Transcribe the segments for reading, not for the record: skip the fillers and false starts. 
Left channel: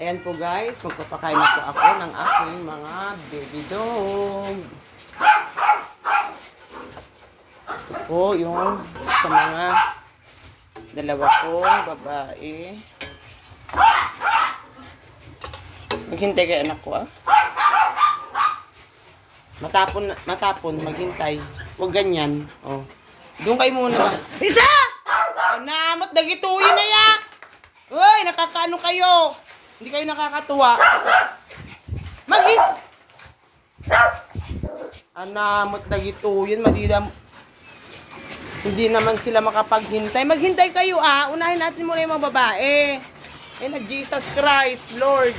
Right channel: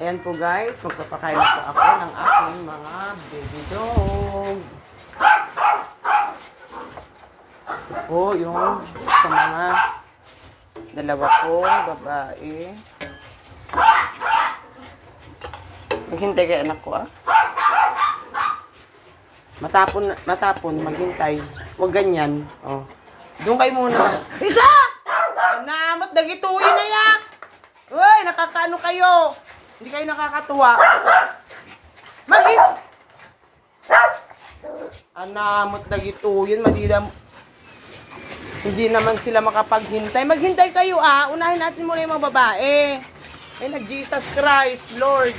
Ayan po guys, magpapakain na po ako ng aking mga baby dog. Ito po yung sa mga dalawa kong babae. Maghintay kay anak ko Matapon, maghintay. Huwag ganyan. Oh. Doon kayo muna. Isa! Namat, dagituin na ya! Uy, nakakaano kayo? Hindi kayo nakakatuwa. Anamot dagituin, hindi naman sila makapaghintay. Maghintay kayo Unahin natin muna yung mga babae. Ay, Jesus Christ, Lord.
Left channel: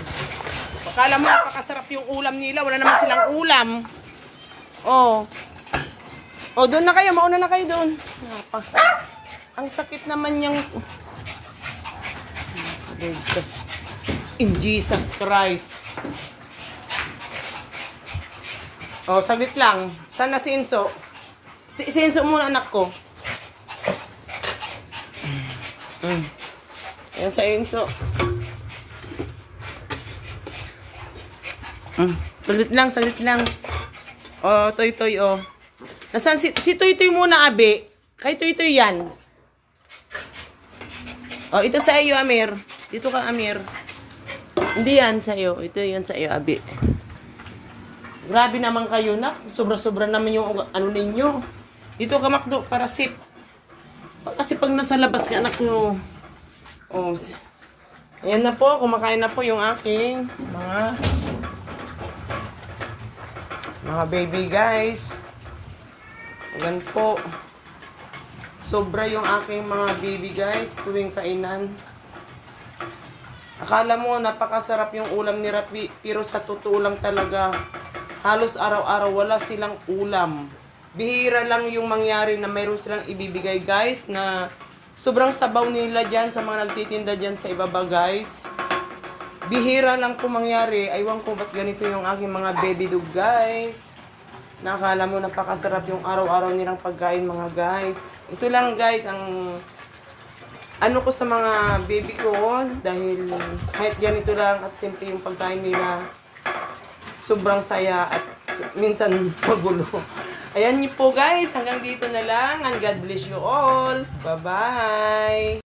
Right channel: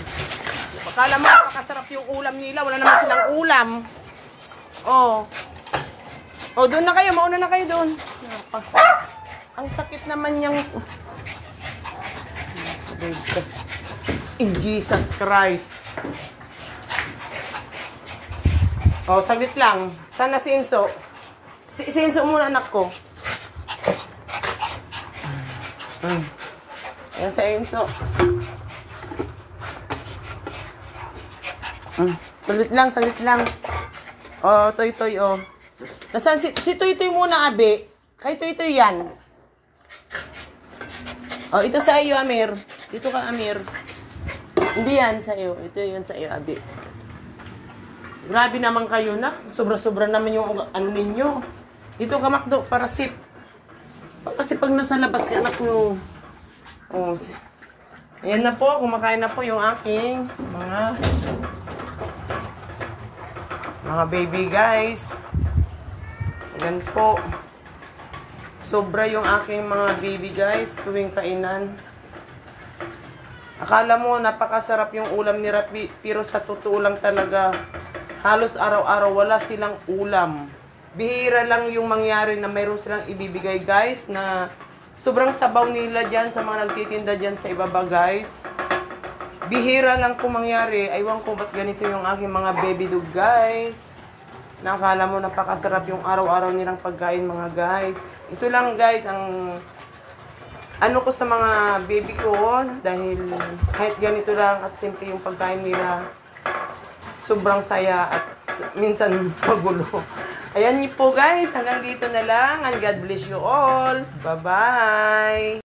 Akala mo napakasarap yung ulam nila. Wala naman silang ulam. Oh, doon na kayo. Mauna na kayo doon. Ang sakit naman yung... In Jesus Christ. Oh, saglit lang. Saan na si Inso? Si Inso muna, anak ko. Ayan sa Inso. Saglit lang. Oh, Toy, oh. Nasaan si Toy muna, Abe? Kay Toy yan. Oh, ito sa iyo, Amir. Dito ka, Amir. Hindi yan sa iyo. Ito yan sa iyo, Abi. Grabe naman kayo, nak. Sobra-sobra naman yung ano ninyo. Dito ka, Makdo, para sip. Kasi pag nasa labas ka, anak mo. Oh, ayan na po. Kumakain na po yung aking mga baby, guys. Ayan po. Sobra yung aking mga baby, guys, tuwing kainan. Akala mo, napakasarap yung ulam ni Rapi, pero sa totoo lang talaga, halos araw-araw wala silang ulam. Bihira lang yung mangyari na mayroon silang ibibigay, guys, na sobrang sabaw nila dyan sa mga nagtitinda dyan sa ibaba, guys. Bihira lang po mangyari. Aywan ko ba't ganito yung aking mga baby dog, guys. Nakakala mo napakasarap yung araw-araw nilang pagkain, mga guys. Ito lang, guys, ang ano ko sa mga baby ko, dahil kahit ganito lang at simple yung pagkain nila, sobrang saya at minsan magulo. Ayan niyo po, guys, hanggang dito na lang, and God bless you all. Bye-bye!